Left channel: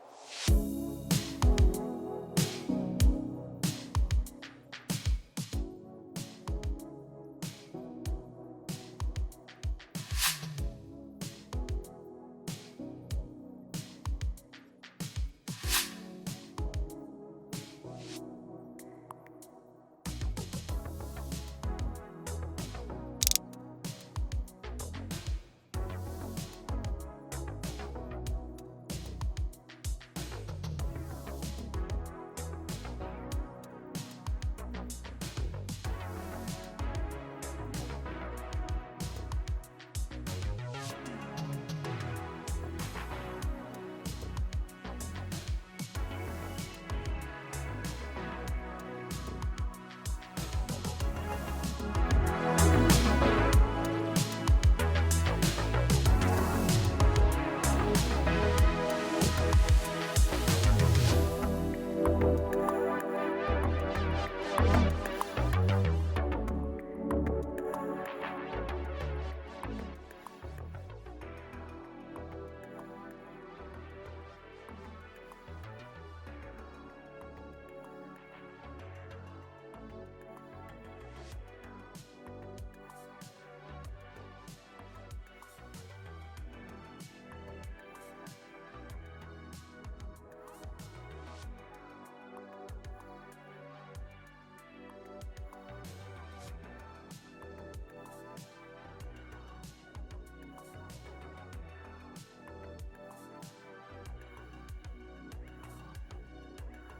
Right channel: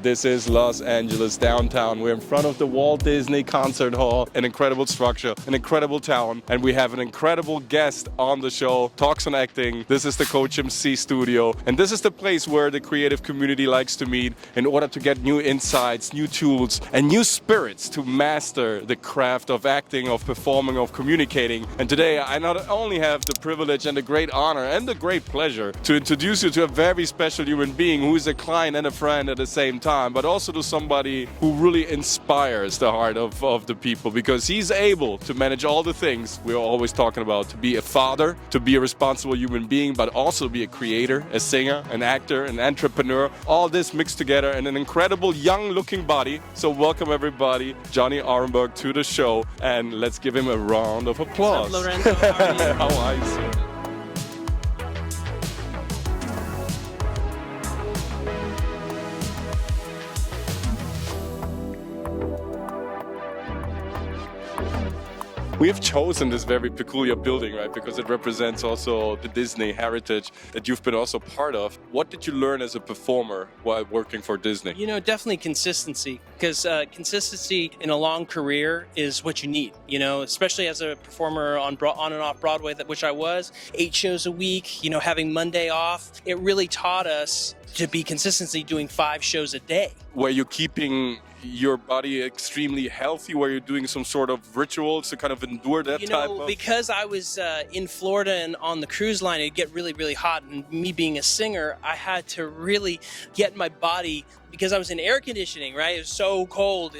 This is Los Angeles downtown. We're in front of the Walt Disney Concert Hall, an incredible structure, an incredible town, and we have an incredible guest on the show, Talks on Acting. This is the Coach MC studio, and this is the place where the creative community likes to meet in order to get new insights, new tools, and new spirits to master the craft of acting, of performing, of communicating. And today I not only have the privilege and the great honor and the great pleasure to introduce you to a very special human being who is a client and a friend at the same time, but also to somebody who really inspires the heart of the people, because he's able to manage all the things we're always talking about: to be a father, to be a responsible human being, but also be a creator, a singer, an actor, an entrepreneur, all this mixed together in an incredible young looking body. So welcome everybody, Johnny Orenberg, to the show, and let's give him a round of applause. What's up, Lorenzo? How are you? How are you? We have chosen this very peculiar building, right, because it represents also the Disney heritage that you've been also part of. What did you learn as a performer while working for Disney? You know, definitely consistency, because consistency in a long career is what you need, you know, especially as a performer on and off Broadway, which I was, 8 shows a week, you know, having Monday off. It really taught us to be consistency doing 5 shows a day. Were you keeping your body extremely healthy? Were you doing some sort of rituals to kind of endure that type of... Because I was in Florida and on the cruise line, it'd get really, really hot. And me being a singer, I had to really get my body, because I was in air conditioning, right? It was so cold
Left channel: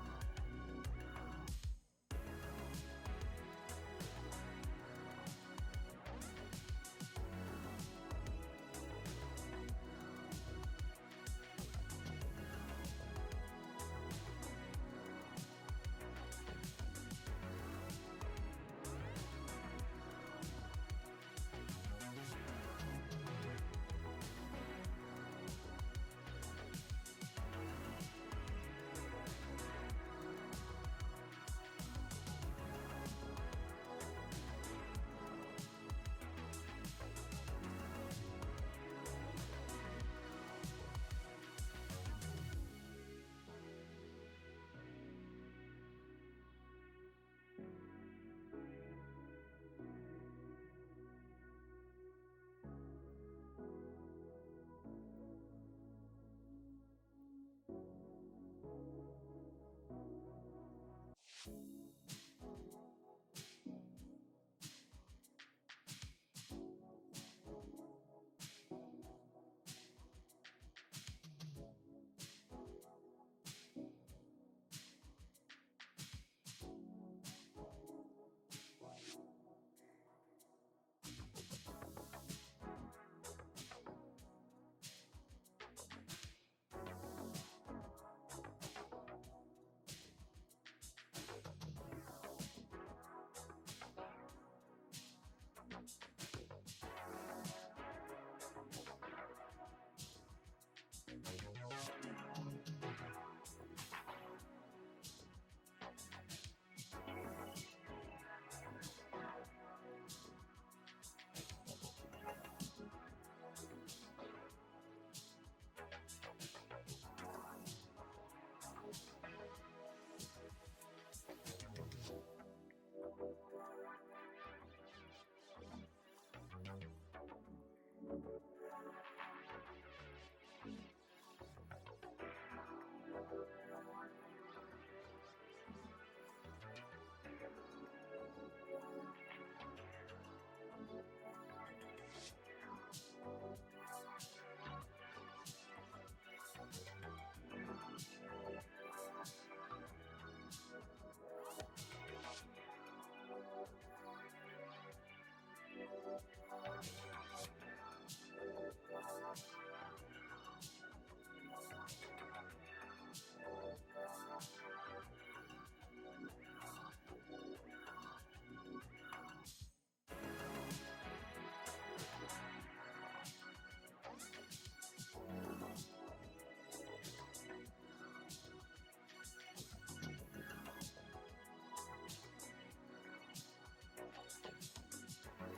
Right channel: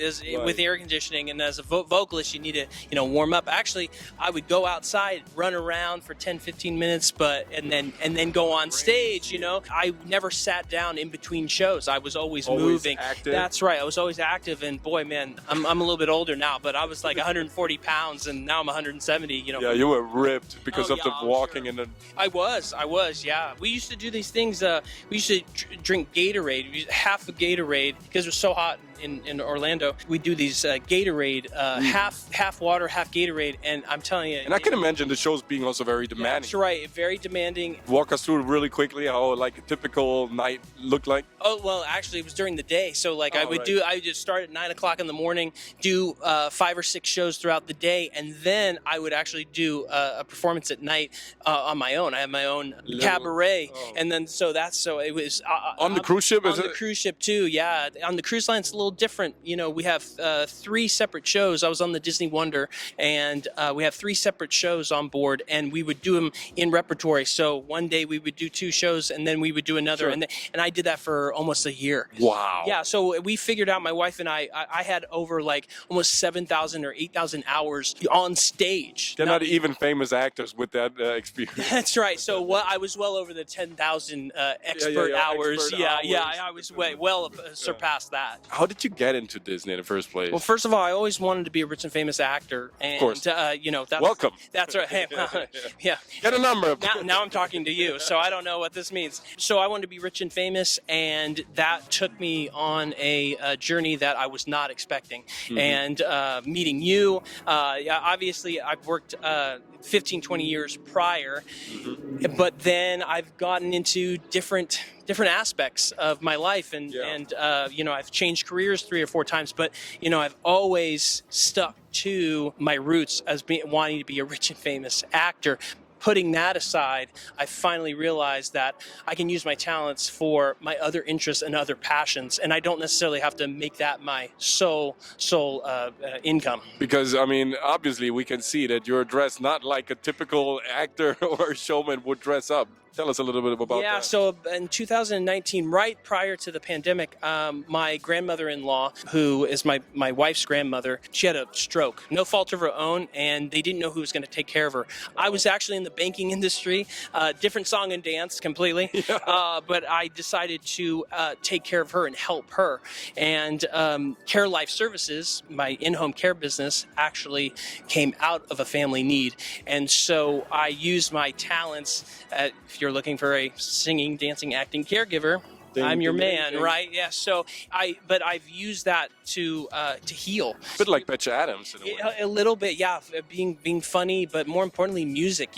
with air conditioning, and as a vocalist, you need to, you know, warm up. Actually, I would go outside, run around for 10, 15 minutes, and then go on stage. You know, I never sat down in between shows. I was always moving. Active. That's right. I was always active, and boy, man, I'm a little bit older now, but I was like 140 pounds, and now I'm 170. You know. Yeah, you were ripped because of the walking and the... I was. Yeah. We used to do these things. We used to drink Gatorade. Half a Gatorade, because it was so hot in Orlando. We do these Gatorade, half water, half Gatorade, and I'm telling you. And I can imagine the shows being also very demanding. That's right, very demanding. Walk us through really quickly how like a typical night looked like. Oh, well, actually it was during the day. So like I would just start at 9 o'clock in the morning, do 5 or 6 shows throughout the day, and then I would actually do a performance at night on my own. I have my own cabaret, and then so it was on the cruise ship. On the cruise ship too, yeah. On the cruise line, it's a little different. You know, we have 3 separate shows. I was on the Disney Wonder, and we have 3 separate shows on board, and we would do them in repertory. So one day we would do 2 shows, and then we would do another, sure. and I did that for almost a year. Wow. Yeah. So we figured out, my wife and I had over like almost 7,000 or 8,000 hours on stage. They're not even famous actors with that experience. That's right. So I was well over the 10,000 expert hours. I was well surpassed that. How did you get into Disney in the first place? Well, first of all, I always wanted to be a rich and famous actor. And, of course. You know, welcome. That's right. Hey, yeah. Get a number. Now I'm talking to you, so I don't know what this means. So I wanted to be rich and famous, and that took me on a journey that I was not expecting. Mm-hmm. And meeting you, obviously I've worked 15, 20 years prior, mm-hmm. but then I've gotten into different aspects of my life, and you know, I've changed careers 3 or 4 times, but you know, I've always stuck to my roots as wanting to be a rich and famous actor. Putting that aside, I finally realized that I can use my talents for my other interests and other passions, and I don't necessarily have to make that my sole income. Because, I mean, obviously we can see that you're dressed not like a typical actor or showman would dress up. Tell us a little bit about that. Yeah, so in 2019, right prior to the pandemic, my grandmother-in-law, who is my wife's grandmother, she had a stroke. No fault of her own, and they didn't know who was going to take care of her. I was actually in the banking industry, different song and dance completely, but I decided to take care of her and help her. And Care Life Services, my in-home care business, actually came out of a family need. And so I used my talents, if you're looking for a singing, dancing, acting caregiver, something. I'm your man, amazing. right? Yeah. So but I've used that to heal. A bit like Betcha Adams in a way. A little bit, yeah. Being funny, but more importantly, music.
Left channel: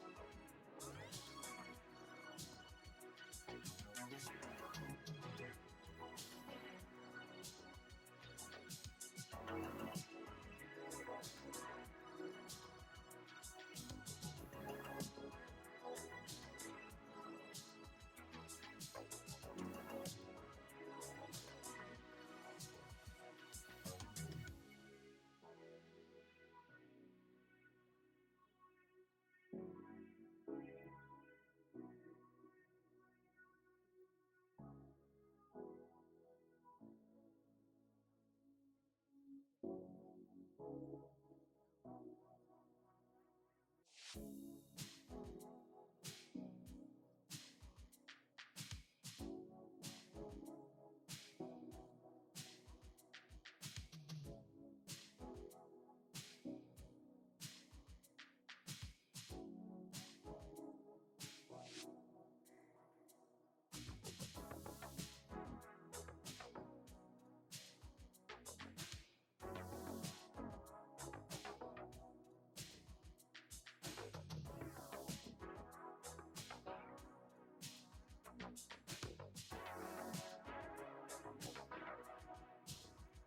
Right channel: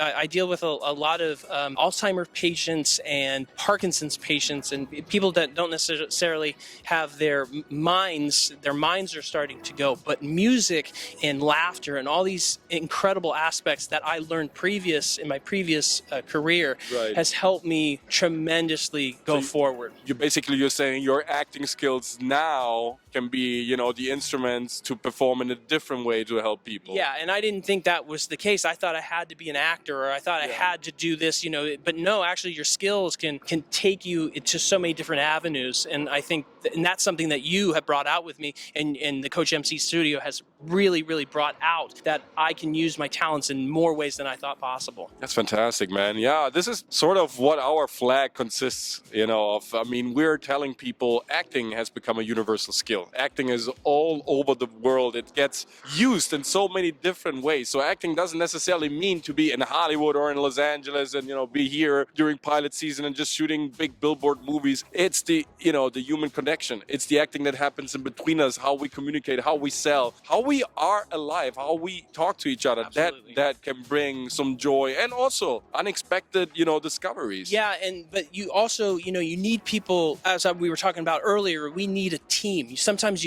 I deal with a lot of Alzheimer's patients and Parkinson's patients, and people that don't necessarily have their minds. Their minds are starting to go, but music and laughter and all these incredible aspects that I learned in my previous career Right. has helped me tremendously go forward. You're saying your acting skills now can be, the instruments to perform in a different way to help people. Yeah, and I didn't think that was the case. I thought I had to be an actor, or I thought I had to do this, but no, actually your skills can take you to so many different avenues. And I think, and that's something that you have brought out with me, and the Coach MC studio has really, really brought out, that I can use my talents in more ways than I thought possible. That's fantastic, man. Yeah, this is sort of what our flag consists, of. I mean, we're telling people acting has become a universal skill. Acting is all over the world. It gets used in so many different ways. So acting doesn't necessarily mean to be in Hollywood or in Los Angeles and, be here during pilot season and just shooting big billboard movies. It's the human connection. It's the acting that happens in between us, how we communicate, how we sell, how we are alive, how we talk to each other. Absolutely. That can bring some joy and also unexpected, discoveries. Yeah, but you also, you need people, as we were talking about earlier, we need a team. Sometimes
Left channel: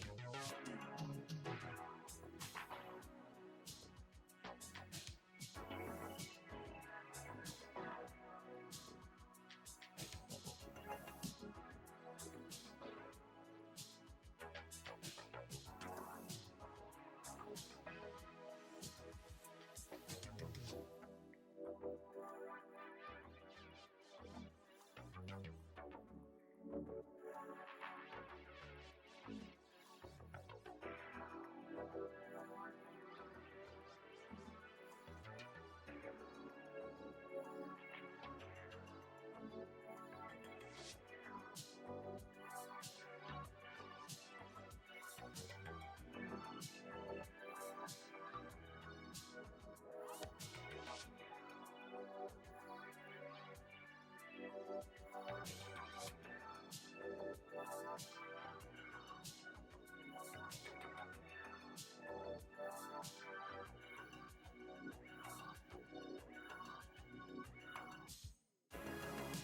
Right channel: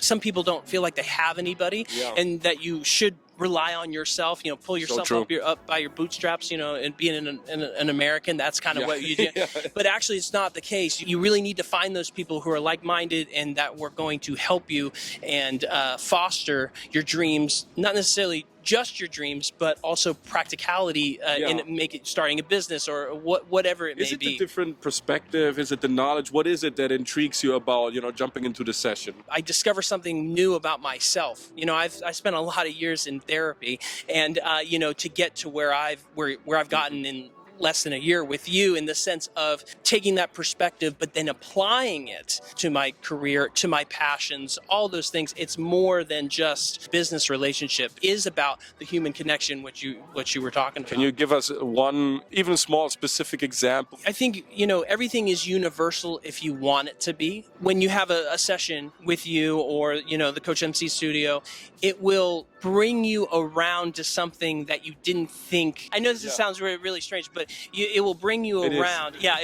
some people don't feel like they have anybody, and that you should rely on yourself, pull yourself up by your bootstraps, and being an American, that's kind of what you do. But actually it's not the case. You really need to find those people who are like-minded and that we're going to help you and foster your dreams, not necessarily just your dreams, but also practicality in starting a business or whatever it may be. Is it the different perspective? Is it the knowledge? What is it that intrigues you about, jumping into the session? I discover something new about myself. I spent a lot of years in therapy, and to get to where I've gotten in less than a year with you, in the sense of taking that perspective but then applying it to my career, to my passions, all those things. It's more than just business relationship. It is about the human connection, what you were talking about. Can you give us one even small specific example? I think everything is universal if you want it to be. When you have a session with you or the Coach MC studio, it will bring you around to something that you didn't think. I know this sounds really strange, but it will bring you around. Yeah,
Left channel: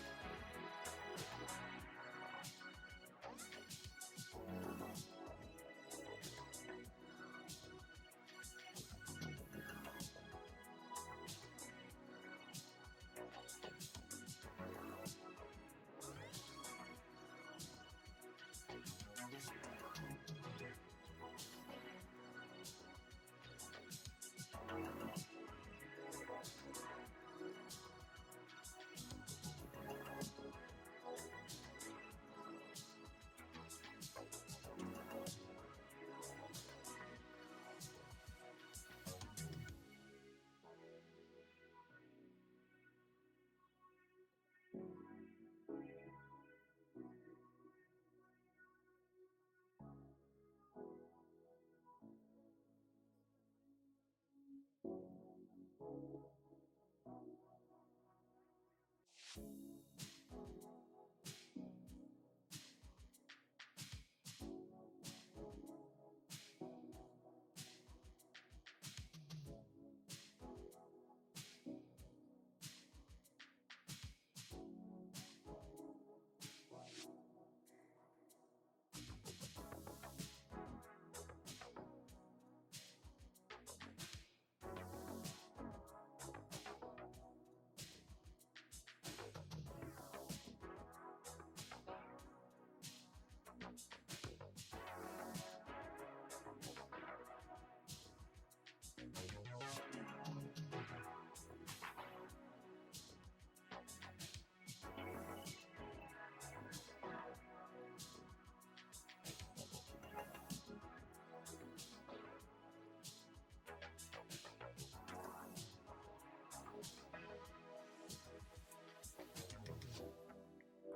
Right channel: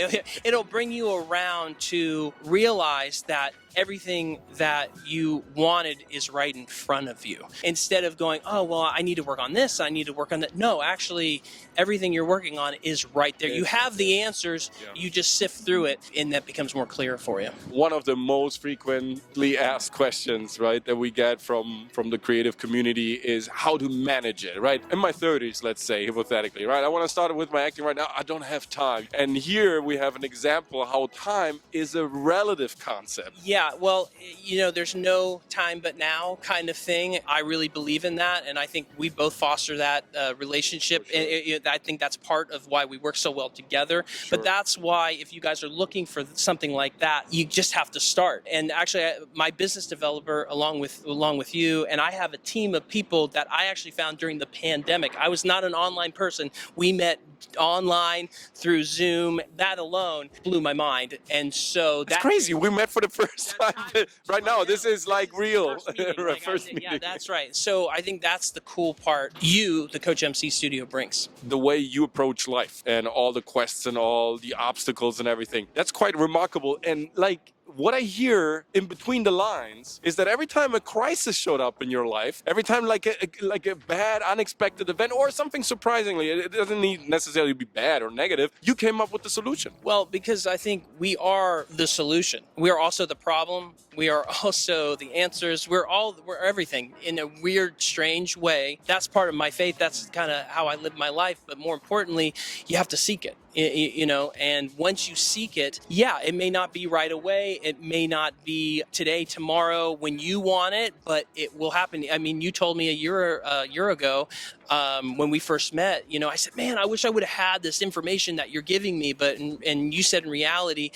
it'll bring you around to realize that everything that you wanted is right in front of you. Instead of going, oh, well, I need to work on this, I need to work on that. No, actually, everything you're working on is right there. You have the answers, you just sift through it, and that becomes more clear for you. One of the most frequently asked questions, right, that we get from the creative community is how to manage it, right? In my 30s, let's say, hypothetically, right? I want to start with my acting right now. I don't have time. And here we have an example of how time is a relative concept. Yeah, well, there's no time but now kind of thing. I really believe in that, and I think we both foster that relationship. Sure. I think that's part of why we work so well together. Sure. But that's why if you guys are looking for something like that, you just have to start. And actually, my business developer, along with you, and I have a team of people that I actually found during the pandemic. I was not an online person. We met online through Zoom. That alone blew my mind. And so that's crazy. We met for the first time. Right now, this is like real. First meeting. Yeah, that's right. So I think that's the cool part the Coach MC studio brings. The way you approach life and all the quests and all the obstacles and everything, that's quite remarkable. And what I hear in between the lines is that every time a crisis showed up in your life, every time like a bad, unexpected event or something surprisingly, it doesn't need necessarily be bad or negative, you came up with the solution. Well, because I think we are the solution. We are also the problem. We are also the answers. We're everything in a weird, strange way. That's part of my faith. That's kind of how I live my life. But more importantly, you have to seek it. And once you seek it, it may not be right away. It may not be today, tomorrow when you want it, but it will happen. I mean, you told me a year ago when we first met, I said, man, I wish I would have had this information that you're giving me. But, and you said in reality,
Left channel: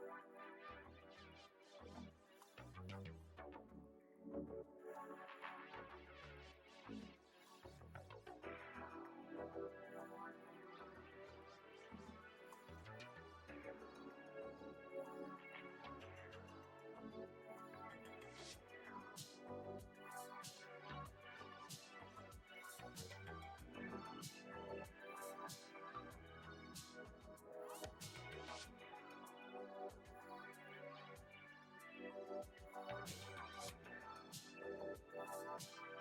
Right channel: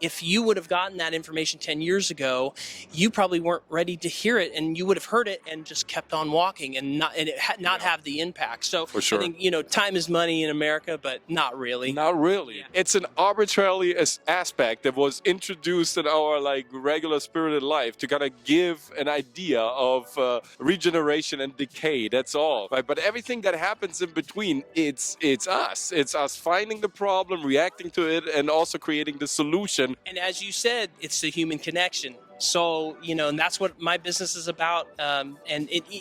if you would have gotten that information 10 years ago, you probably weren't ready to hear it, and you would have heard it and just kept on walking and not have the impact. So For sure. I think, time is money in America, but not really. Not really. Yeah. It's an arbitrary aspect that was introduced in our regular spirited life to kind of give an idea of regeneration and decay. That's all. Right? But everything that happens in between, it's us. It's us finding the problem, reacting to it, and also creating the solution. And as you said, it's the human connection. So, and that's what my business is about.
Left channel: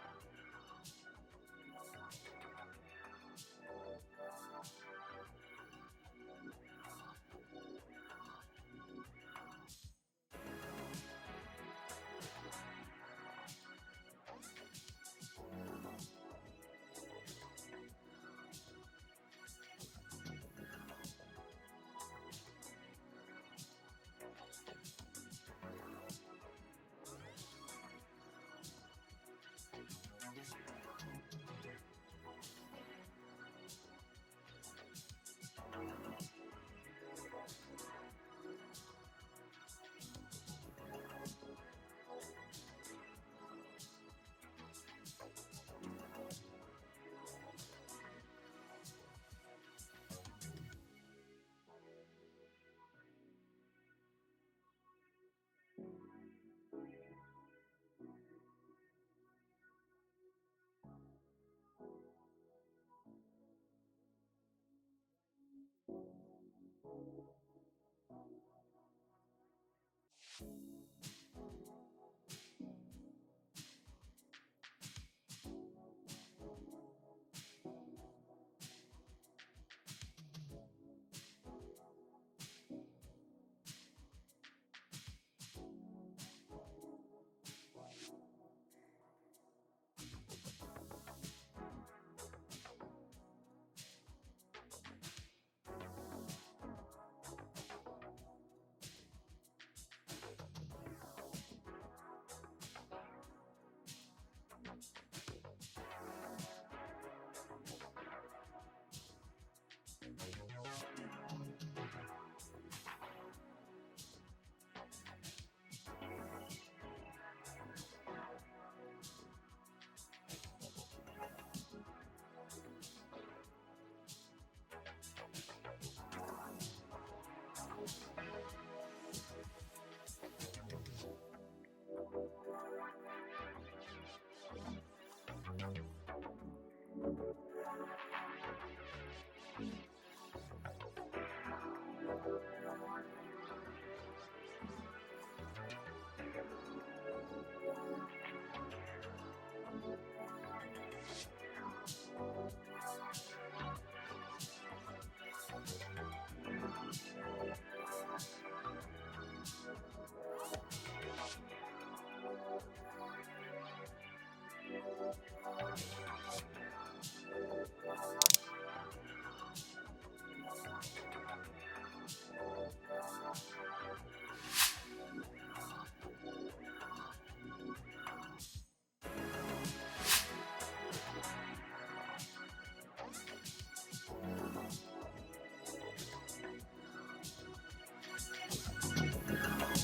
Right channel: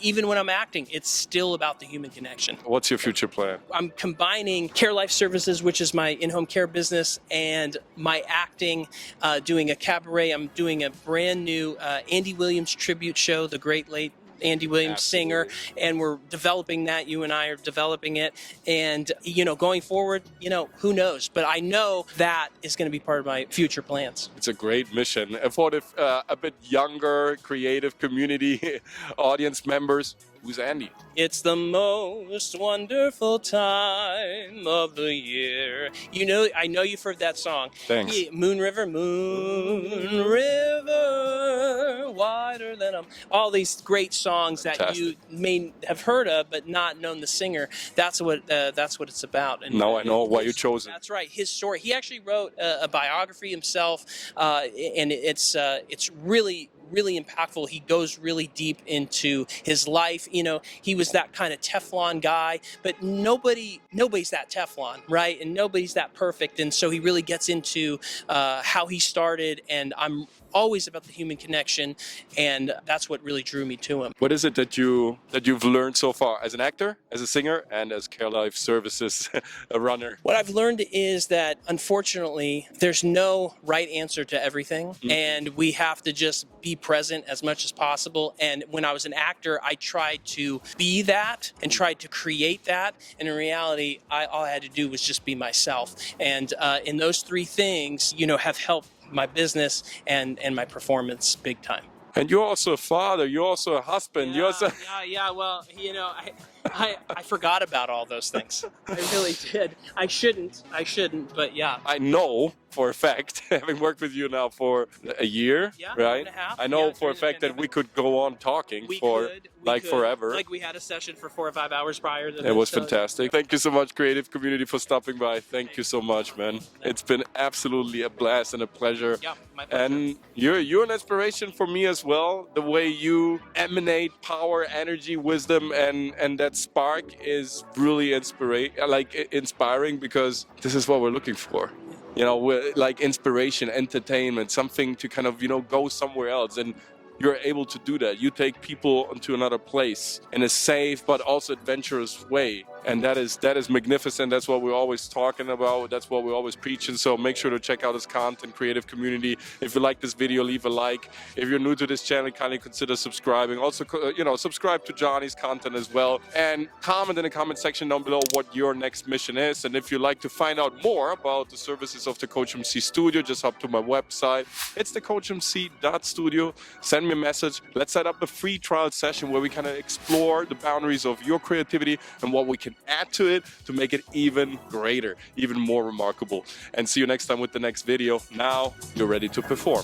Even when I'm acting, it's still about the human connection. What's your future plan? I'm combining Care Life Services, which is my in-home care business, and my acting, doing a cabaret. I'm doing a brand new Andy Williams tribute show, the great late Andy Williams singer, and we're developing that. You and I are developing it, and going forward, who knows? But I know that is going to be part of my future plans. It's a great mission. And for the a bit younger, creative community audience members, who's Andy? It's the most wonderful time of the year. I know you've heard that song. Thanks. Yeah, Moon River, wider than all these great songs that Fantastic. you may have heard of but not known the singer. That's what it's about. And Now I know why you chose it. That's right. His story. He actually wrote a biography himself, and it's really, really impactful. He goes really deep into his life. He was that kind of Teflon guy, but nobody's that Teflon, right? And nobody's that perfect. And so he really gets into how he started. And I'm always about the human connection, and that's what really drew me to him. What is it that you've learned so far as an actor, as a singer, and as Care Life Services a runner? What I've learned is that, unfortunately, there's no right answer to everything, and we have to just be present as much as possible. And when I was an actor, I tried to be that and tried to create that. And in reality, all I had to do was just be myself. And in those three things, have helped my business and my performance big time. And you're also a father. You're also a husband. You're also... Yeah. Well, I forgot about all those things. I really did. I shouldn't. But yeah. I know for a fact, having worked with you now for a year, right? And a half. I know Yeah, for a fact that we could go on talking we for could. forever. Like we had a session for 4 or 5 hours prior to this. It was fantastic. Thank you so much, creative community, for stopping by. Thank you so much, man. It's been absolutely a blast and a pleasure. Yeah, my pleasure. And you're an inspiration for me as well. The way you emanate power, energy, wisdom, and that spark is really inspiring, because this is what we're looking for. We're like inspiration, entertainment, something to kind of, go somewhere else. And you're able to do that. You take people into another place in a safe but also adventurous way. And that is magnificent. That's what we're always talking about. That's what we're always preaching. So make sure to check out his content, creative community. If you like this video, leave a like. If you're new to this channel, kindly consider subscribing. Also, subscribe to Johnny's content as well. And comment in the comment section down below what your next mission is. And if you'd like to find out more about the services of the Coach MC Studio, just hop to my website. It's thecoachmc.studio. Send me a message. Let's set up a free trial session where we kind of explore the boundaries of your creativity and what we can add to it to make it even greater, even more remarkable. And see you next time with the next video. Now you're ready to perform.